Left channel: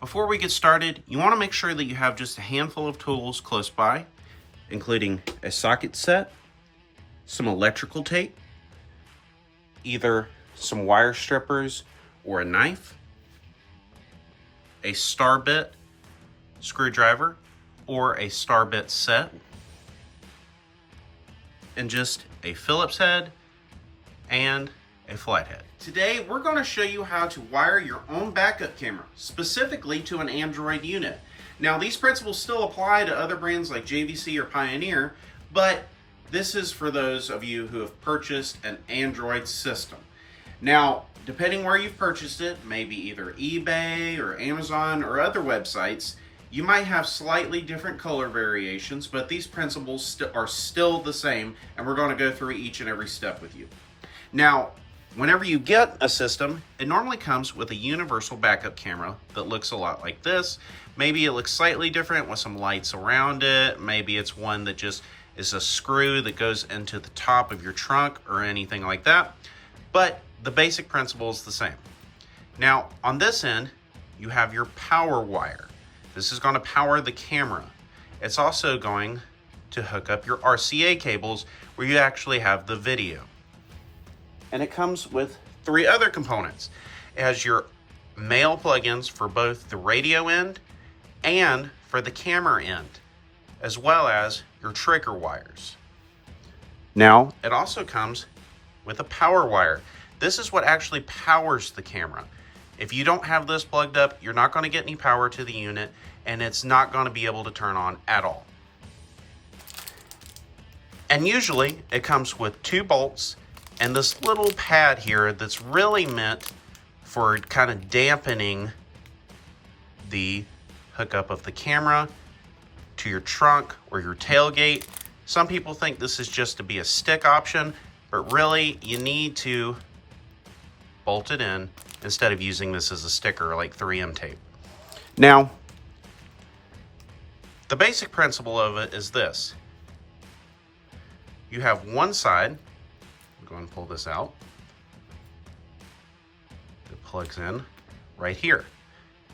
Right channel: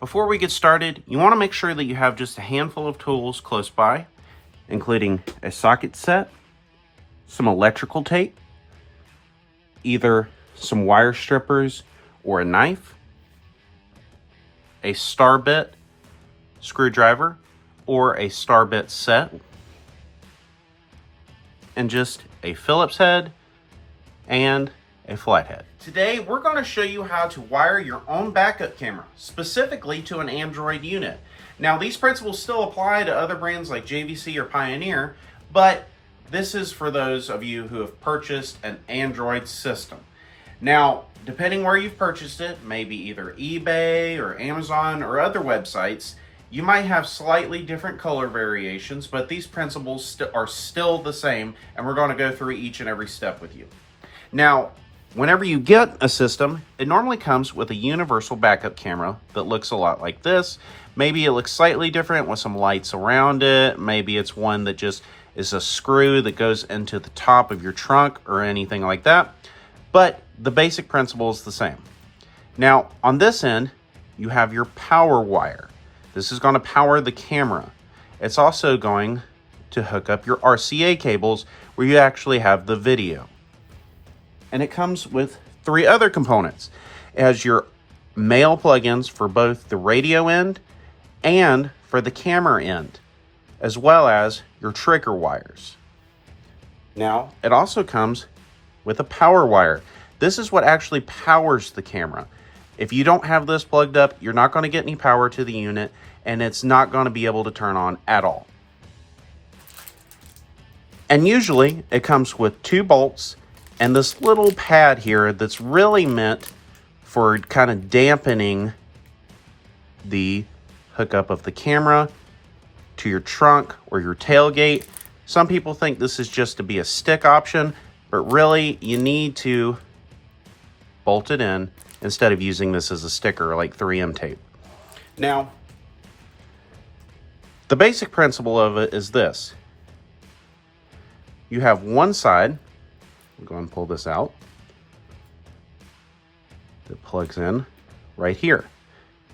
Before we get started, you want to make sure that you have just a handful of tools close by, including a socket set, some electrical tape, either some wire strippers or a knife, a star bit screwdriver or a star bit set, and just a Phillips head and a flathead. Today, we're going to show you how to wire your own backup camera, specifically to an Android unit. Now, these principles still apply to other brands like JVC or Pioneer, but this is for those of you who have purchased an Android system. Now, depending where you've purchased it, maybe either eBay or Amazon or other websites, you might have slightly different color variations, but these principles are still the same, and we're going to go through each and every step with you. Now, whenever you get a system, it normally comes with a universal backup camera that looks a lot like this. Maybe it looks slightly different with some lights around it. Maybe it's one that just is a screw that goes into the top of your trunk or anything like that. But the basic principle is the same. Now, on this end, you have your power wire. This is going to power the camera. It's also going to hook up your RCA cables where you actually have the video. And it comes with three other components. It has your male plugins for both the radio end and for the camera end, as well as your trigger wires. Now, it also comes with a power wire. This is what actually powers the camera. If you don't have this plugged up, you're not going to get any power to the unit, and it's not going to be able to turn on at all. And usually, it comes with 2 bolts and this little pad here that's really meant for kind of dampening the hookup of the camera to your trunk or your tailgate. Some people think this is just to be a stick option, but really you need to bolt it in instead of using this as a sticker like 3M tape. Now, the basic principle of it is this. You have one side. We'll go and pull this out. It plugs in right here.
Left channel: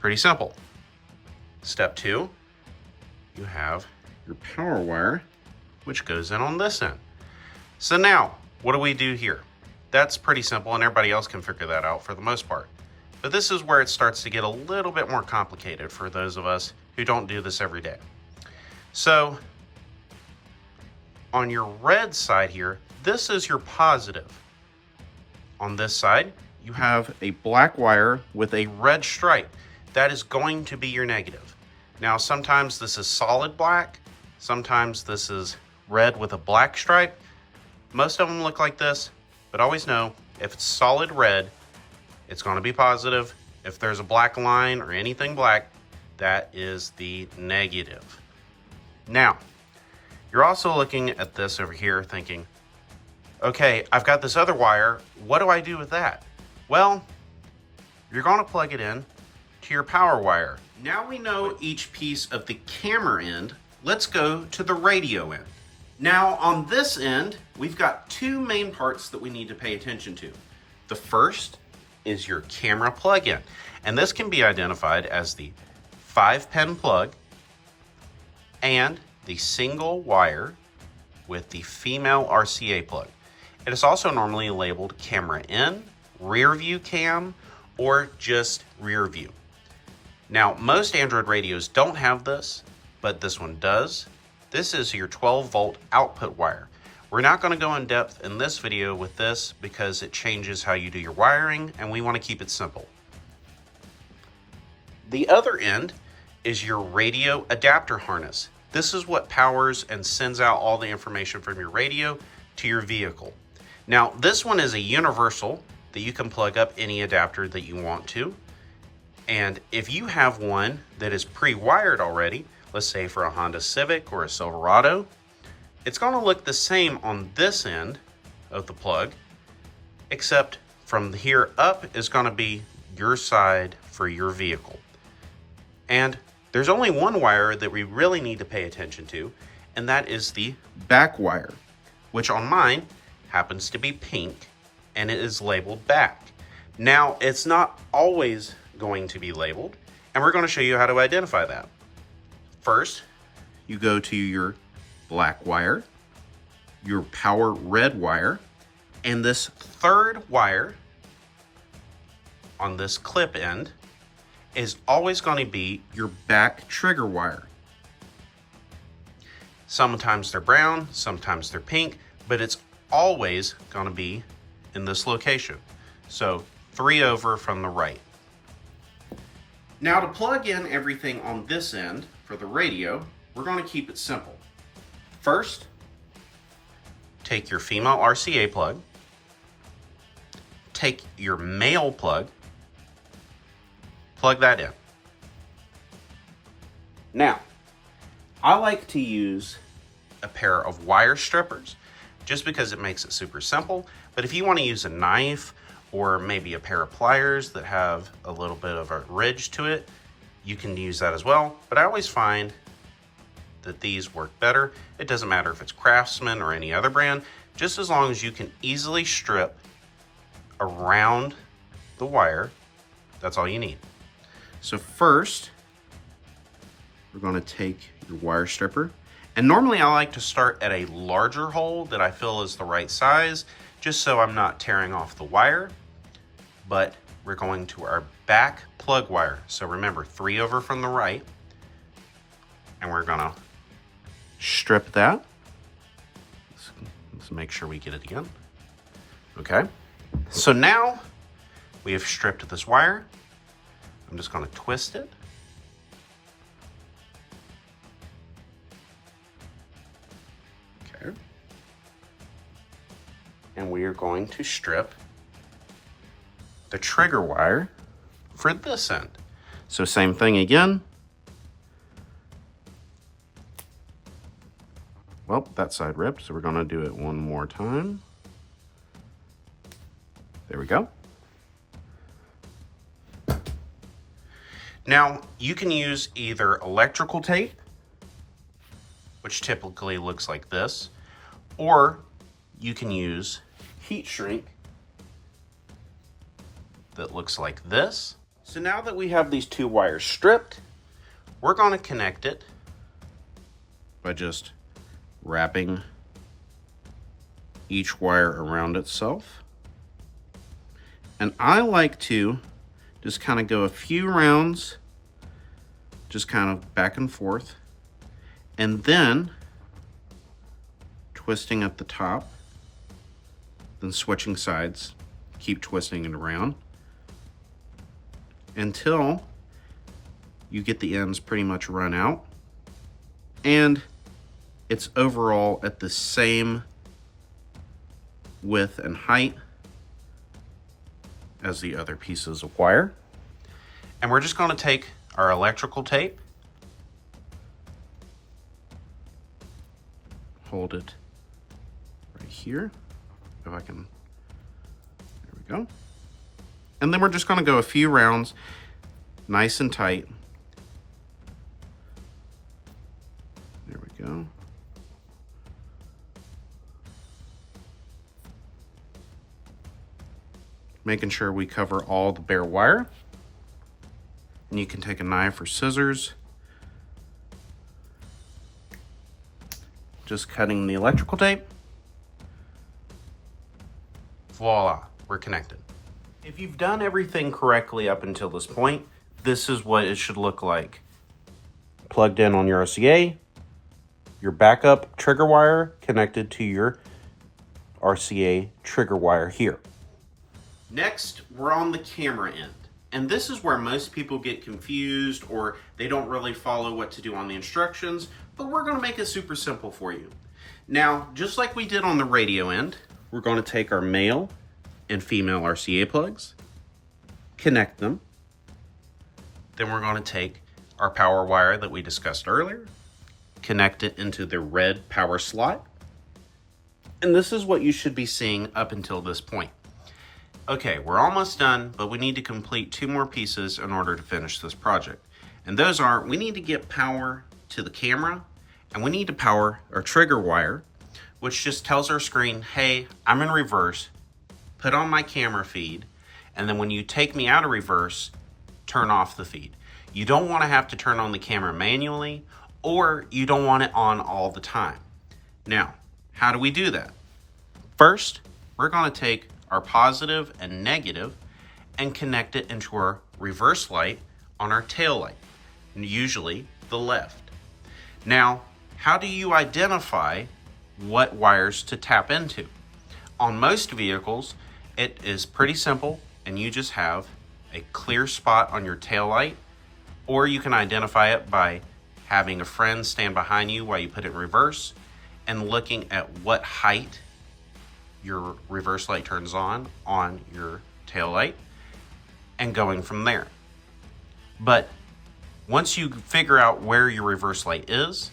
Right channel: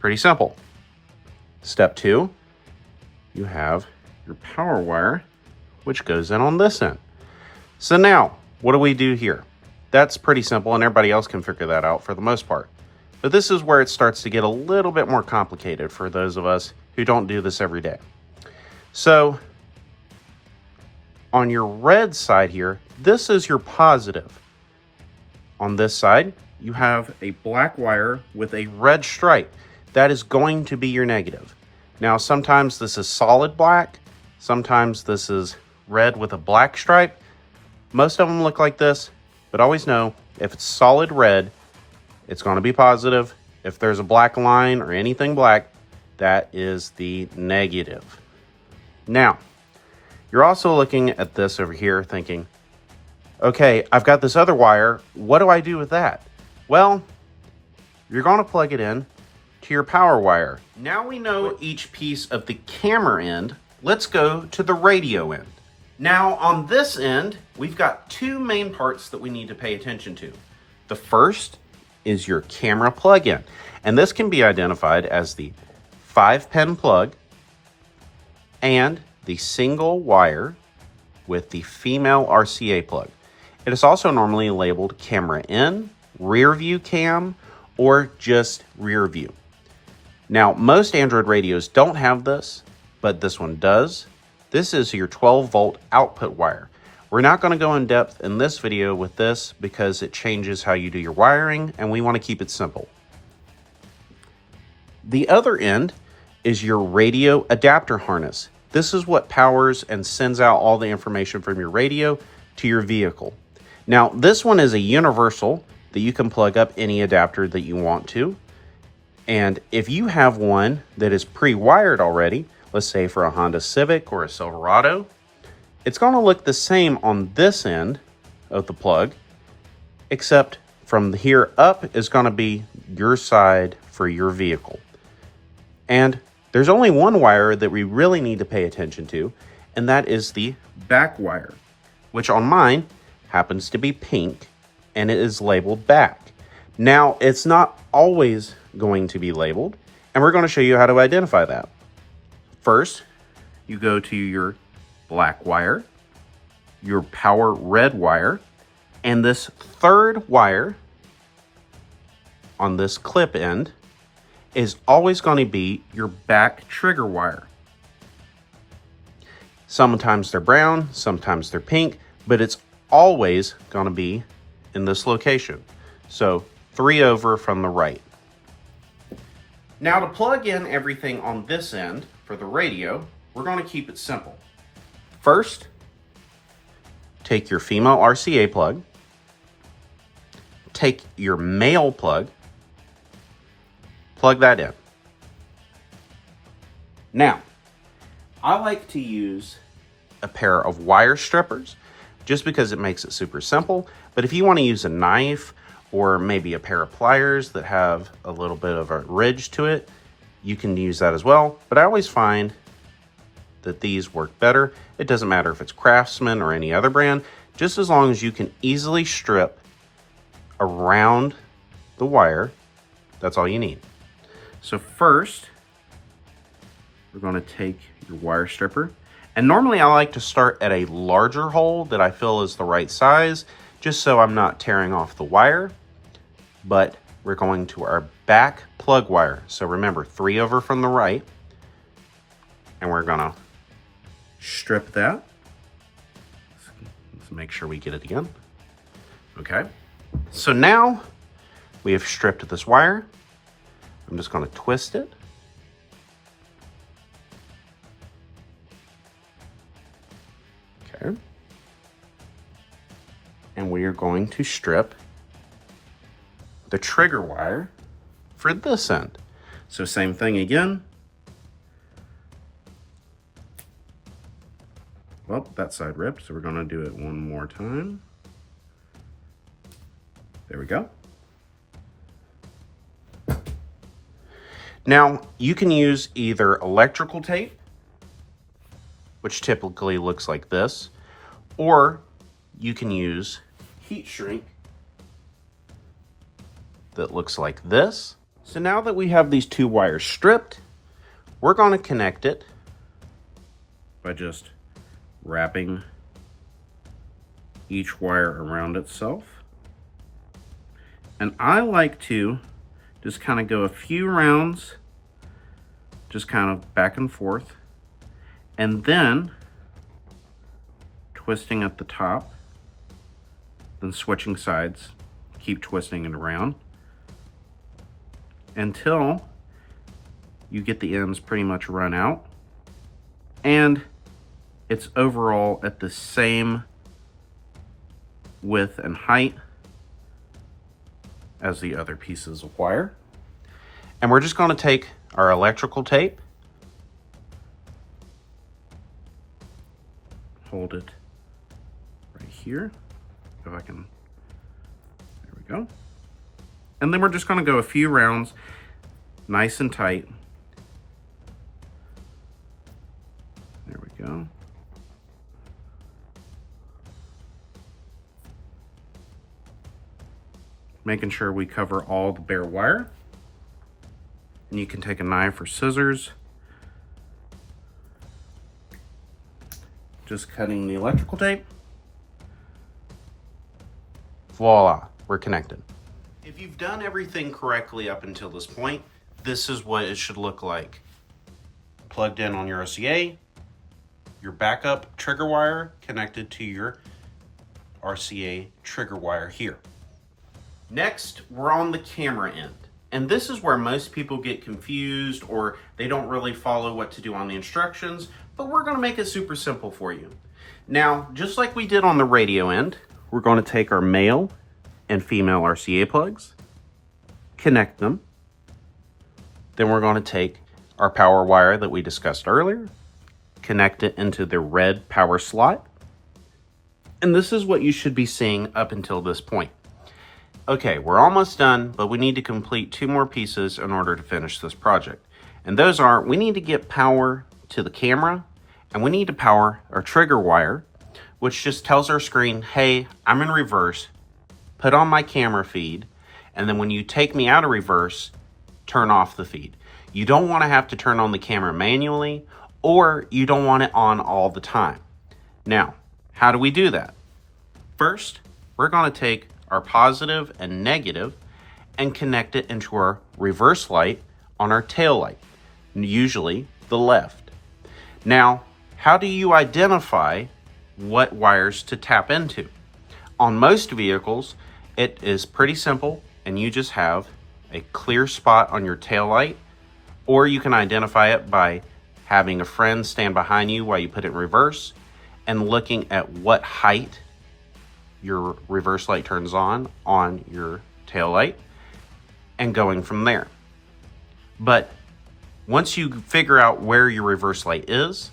Pretty simple. Step 2, you have your power wire, which goes in on this end. So now, what do we do here? That's pretty simple, and everybody else can figure that out for the most part. But this is where it starts to get a little bit more complicated for those of us who don't do this every day. So, on your red side here, this is your positive. On this side, you have a black wire with a red stripe. That is going to be your negative. Now, sometimes this is solid black. Sometimes this is red with a black stripe. Most of them look like this, but always know if it's solid red, it's going to be positive. If there's a black line or anything black, that is the negative. Now, you're also looking at this over here thinking, okay, I've got this other wire. What do I do with that? Well, you're going to plug it in to your power wire. Now we know each piece of the camera end. Let's go to the radio end. Now on this end, we've got 2 main parts that we need to pay attention to. The first is your camera plug-in, and this can be identified as the 5-pin plug and the single wire with the female RCA plug. It is also normally labeled camera in, rear view cam, or just rear view. Now, most Android radios don't have this, but this one does. This is your 12-volt output wire. We're not going to go in depth in this video with this because it changes how you do your wiring, and we want to keep it simple. The other end is your radio adapter harness. This is what powers and sends out all the information from your radio to your vehicle. Now, this one is a universal that you can plug up any adapter that you want to. And if you have one that is pre-wired already, let's say for a Honda Civic or a Silverado, it's going to look the same on this end of the plug, except from here up is going to be your side for your vehicle. And there's only one wire that we really need to pay attention to, and that is the back wire, which on mine happens to be pink, and it is labeled back. Now, it's not always going to be labeled, And we're going to show you how to identify that. First, you go to your black wire, your power red wire, and this third wire on this clip end is always going to be your back trigger wire. Sometimes they're brown, sometimes they're pink, but it's always going to be in this location. So 3 over from the right. Now to plug in everything on this end for the radio, we're going to keep it simple. First, take your female RCA plug, take your male plug, plug that in. Now, I like to use a pair of wire strippers just because it makes it super simple. But if you want to use a knife or maybe a pair of pliers that have a little bit of a ridge to it, you can use that as well. But I always find that these work better. It doesn't matter if it's Craftsman or any other brand, just as long as you can easily strip around the wire, that's all you need. So first, we're going to take your wire stripper. And normally I like to start at a larger hole that I feel is the right size, just so I'm not tearing off the wire. But we're going to our back plug wire. So remember, 3 over from the right. And we're going to strip that. Let's make sure we get it again. Okay. So now we have stripped this wire. I'm just going to twist it. Okay. And we are going to strip the trigger wire for this end. So same thing again. Well, that side ripped, so we're going to do it one more time. There we go. Now, you can use either electrical tape, which typically looks like this, or you can use heat shrink that looks like this. So now that we have these 2 wires stripped, we're going to connect it by just wrapping each wire around itself. And I like to just kind of go a few rounds, just kind of back and forth, and then twisting at the top, then switching sides, keep twisting it around until you get the ends pretty much run out and it's overall at the same width and height as the other pieces of wire. And we're just going to take our electrical tape, hold it right here, if I can, there we go. And then we're just going to go a few rounds, nice and tight. There we go. Making sure we cover all the bare wire. And you can take a knife or scissors. Just cutting the electrical tape. Voila, we're connected. If you've done everything correctly up until this point, this is what it should look like. Plugged in on your RCA, your backup trigger wire connected to your RCA trigger wire here. Next, we're on the camera end. And this is where most people get confused or they don't really follow what to do on the instructions, but we're going to make it super simple for you. Now, just like we did on the radio end, we're going to take our male and female RCA plugs, connect them. Then we're going to take our power wire that we discussed earlier, connect it into the red power slot. And this is what you should be seeing up until this point. Okay, we're almost done, but we need to complete 2 more pieces in order to finish this project. And those are, we need to get power to the camera, and we need to power our trigger wire, which just tells our screen, hey, I'm in reverse, put on my camera feed, and then when you take me out of reverse, turn off the feed. You don't want to have to turn on the camera manually, or you don't want it on all the time. Now, how do we do that? First, we're going to take our positive and negative and connect it into our reverse light on our tail light, usually the left. Now, how do you identify what wires to tap into? On most vehicles, it is pretty simple, and you just have a clear spot on your tail light, or you can identify it by having a friend stand behind you while you put it in reverse and looking at what height your reverse light turns on your tail light and going from there. But once you figure out where your reverse light is,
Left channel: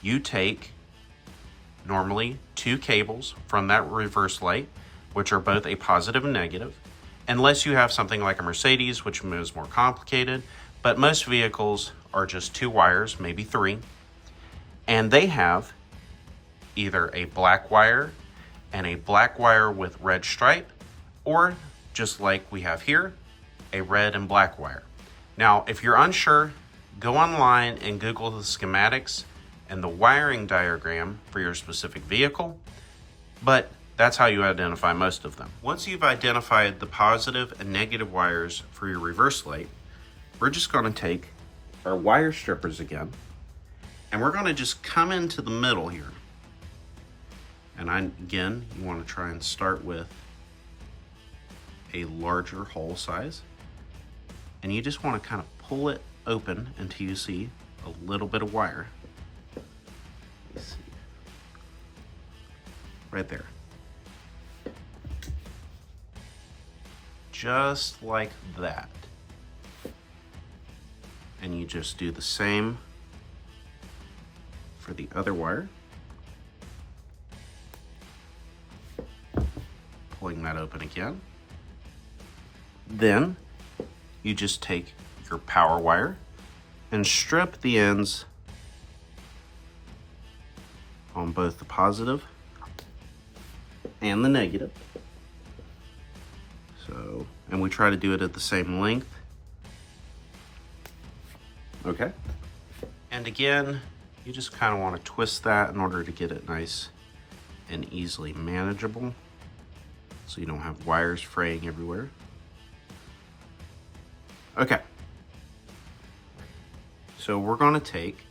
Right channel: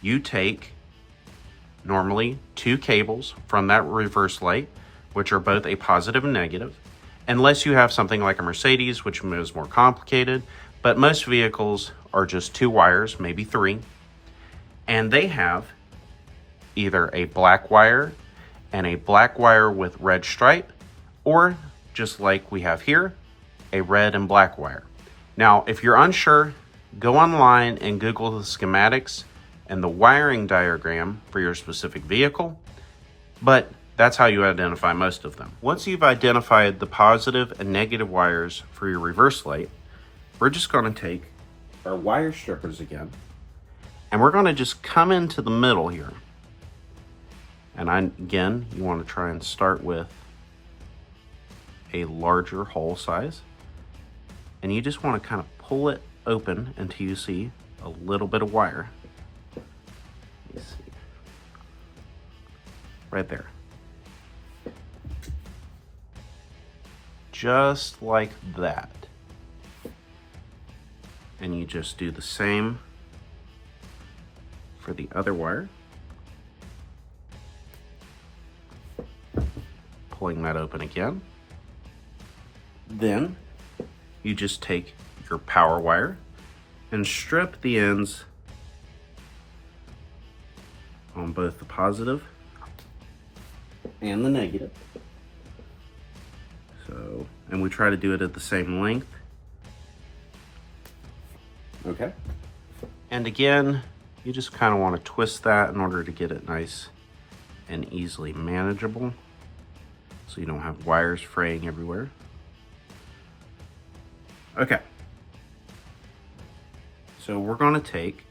you take normally 2 cables from that reverse light, which are both a positive and negative, unless you have something like a Mercedes, which is more complicated, but most vehicles are just 2 wires, maybe 3, and they have either a black wire and a black wire with red stripe, or just like we have here, a red and black wire. Now, if you're unsure, go online and Google the schematics and the wiring diagram for your specific vehicle, but that's how you identify most of them. Once you've identified the positive and negative wires for your reverse light, we're just going to take our wire strippers again, and we're going to just come into the middle here. And again, you want to try and start with a larger hole size, and you just want to kind of pull it open until you see a little bit of wire. Let's see. Right there. Just like that. And you just do the same for the other wire. Pulling that open again. Then you just take your power wire and strip the ends on both the positive and the negative. So, and we try to do it at the same length. Okay. And again, you just kind of want to twist that in order to get it nice and easily manageable, so you don't have wires fraying everywhere. Okay. So we're going to take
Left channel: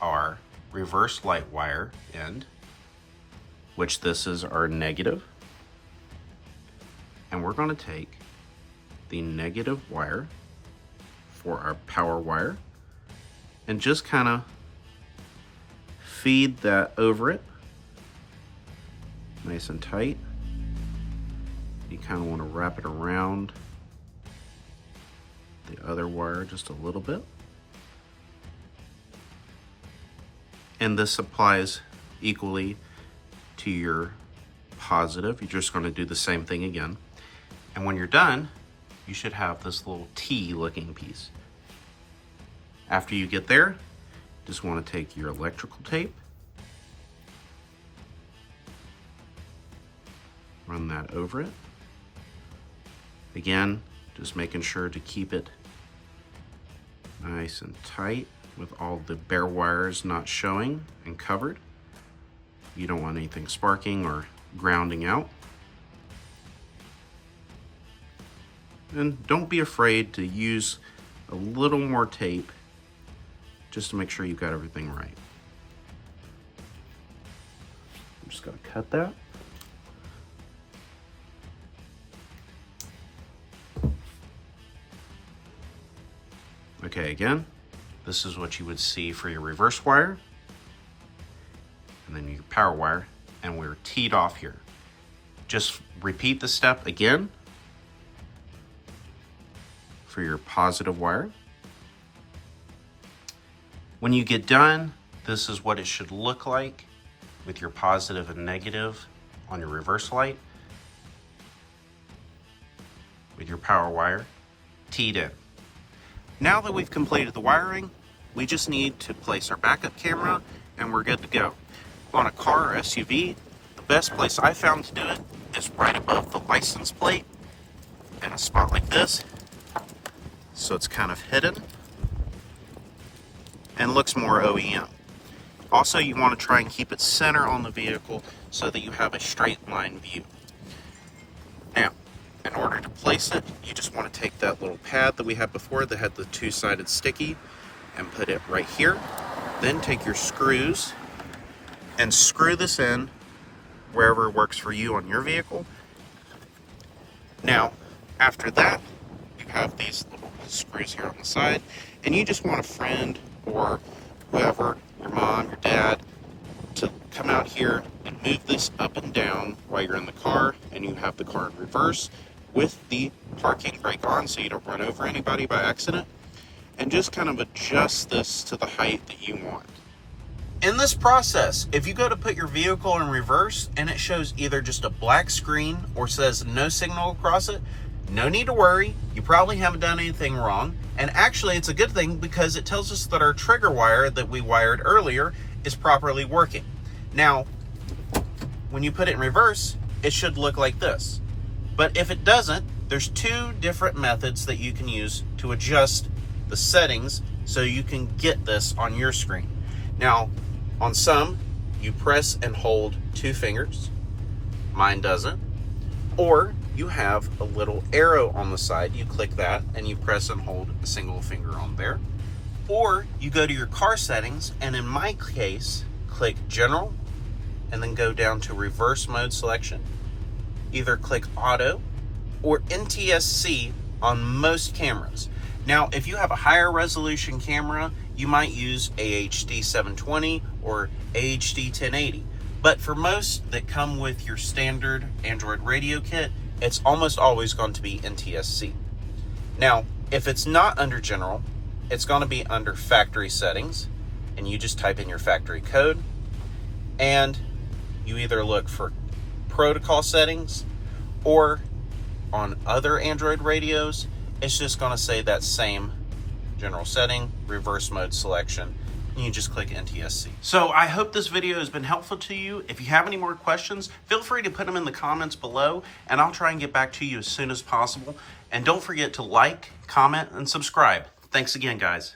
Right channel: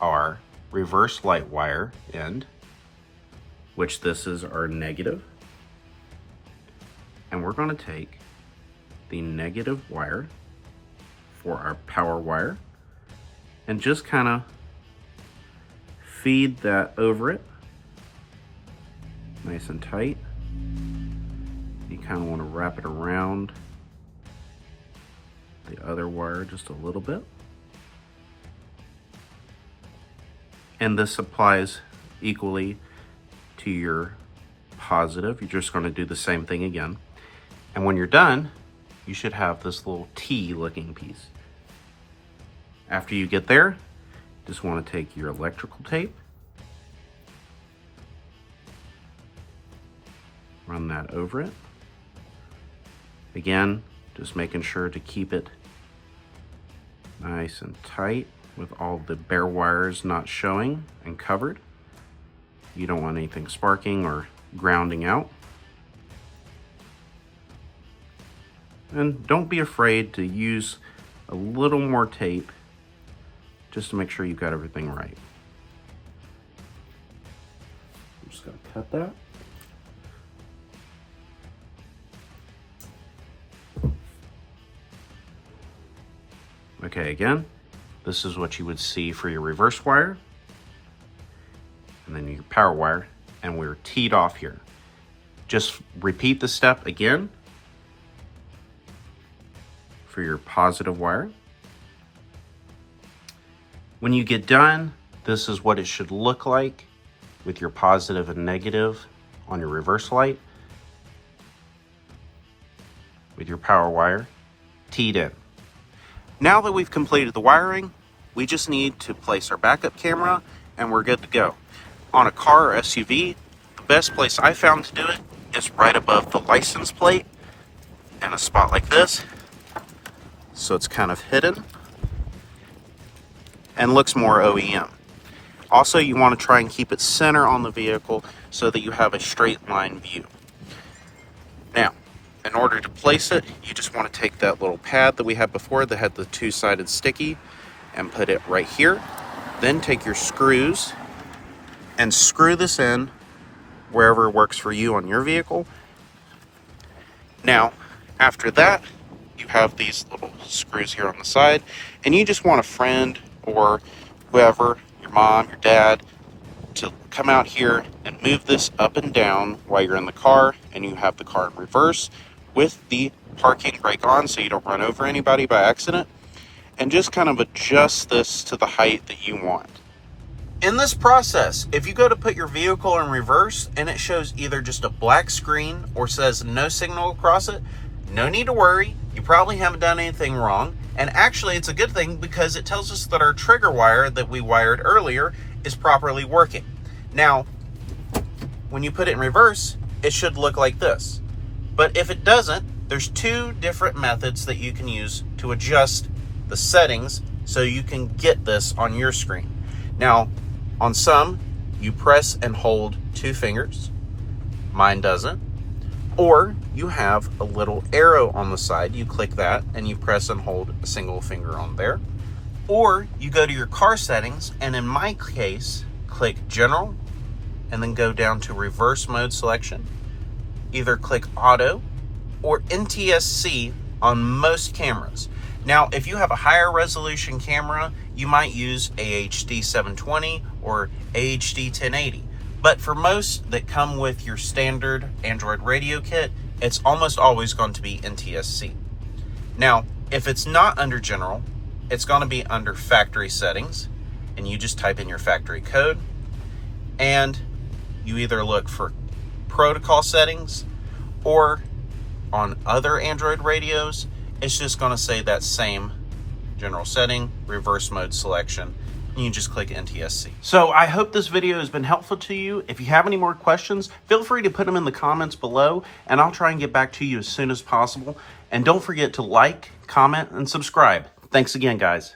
our reverse light wire end, which this is our negative, and we're going to take the negative wire for our power wire and just kind of feed that over it nice and tight. You kind of want to wrap it around the other wire just a little bit. And this applies equally to your positive. You're just going to do the same thing again. And when you're done, you should have this little T looking piece. After you get there, just want to take your electrical tape, run that over it. Again, just making sure to keep it nice and tight with all the bare wires not showing and covered. You don't want anything sparking or grounding out. And don't be afraid to use a little more tape just to make sure you've got everything right. I'm just going to cut that. Okay, again, this is what you would see for your reverse wire, and then your power wire, and we're teed off here. Just repeat the step again for your positive wire. When you get done, this is what it should look like with your positive and negative on your reverse light, with your power wire teed in. Now that we've completed the wiring, we just need to place our backup camera and we're good to go. On a car or SUV, the best place I found to do it is right above the license plate, in a spot like this. so it's kind of hidden and looks more OEM. Also, you want to try and keep it center on the vehicle so that you have a straight line view. Now, in order to place it, you just want to take that little pad that we had before that had the two-sided sticky and put it right here. Then take your screws and screw this in wherever works for you on your vehicle. Now, after that, you have these little screws here on the side, and you just want a friend or whoever, your mom, your dad, to come out here and move this up and down while you're in the car and you have the car in reverse with the parking brake on so you don't run over anybody by accident, and just kind of adjust this to the height that you want. In this process, if you go to put your vehicle in reverse and it shows either just a black screen or says no signal across it, no need to worry. You probably haven't done anything wrong. And actually, it's a good thing because it tells us that our trigger wire that we wired earlier is properly working. Now, when you put it in reverse, it should look like this. But if it doesn't, there's two different methods that you can use to adjust the settings so you can get this on your screen. Now, on some, you press and hold two fingers. Mine doesn't. Or you have a little arrow on the side. You click that and you press and hold a single finger on there. Or you go to your car settings, and in my case, click General and then go down to Reverse Mode Selection. Either click Auto or NTSC on most cameras. Now, if you have a higher resolution camera, you might use AHD 720 or AHD 1080. But for most that come with your standard Android radio kit, it's almost always going to be NTSC. Now, if it's not under General, it's going to be under Factory Settings, and you just type in your factory code, and you either look for Protocol Settings, or on other Android radios, it's just going to say that same general setting, reverse mode selection, and you just click NTSC. So I hope this video has been helpful to you. If you have any more questions, feel free to put them in the comments below, and I'll try and get back to you as soon as possible. And don't forget to like, comment, and subscribe. Thanks again, guys.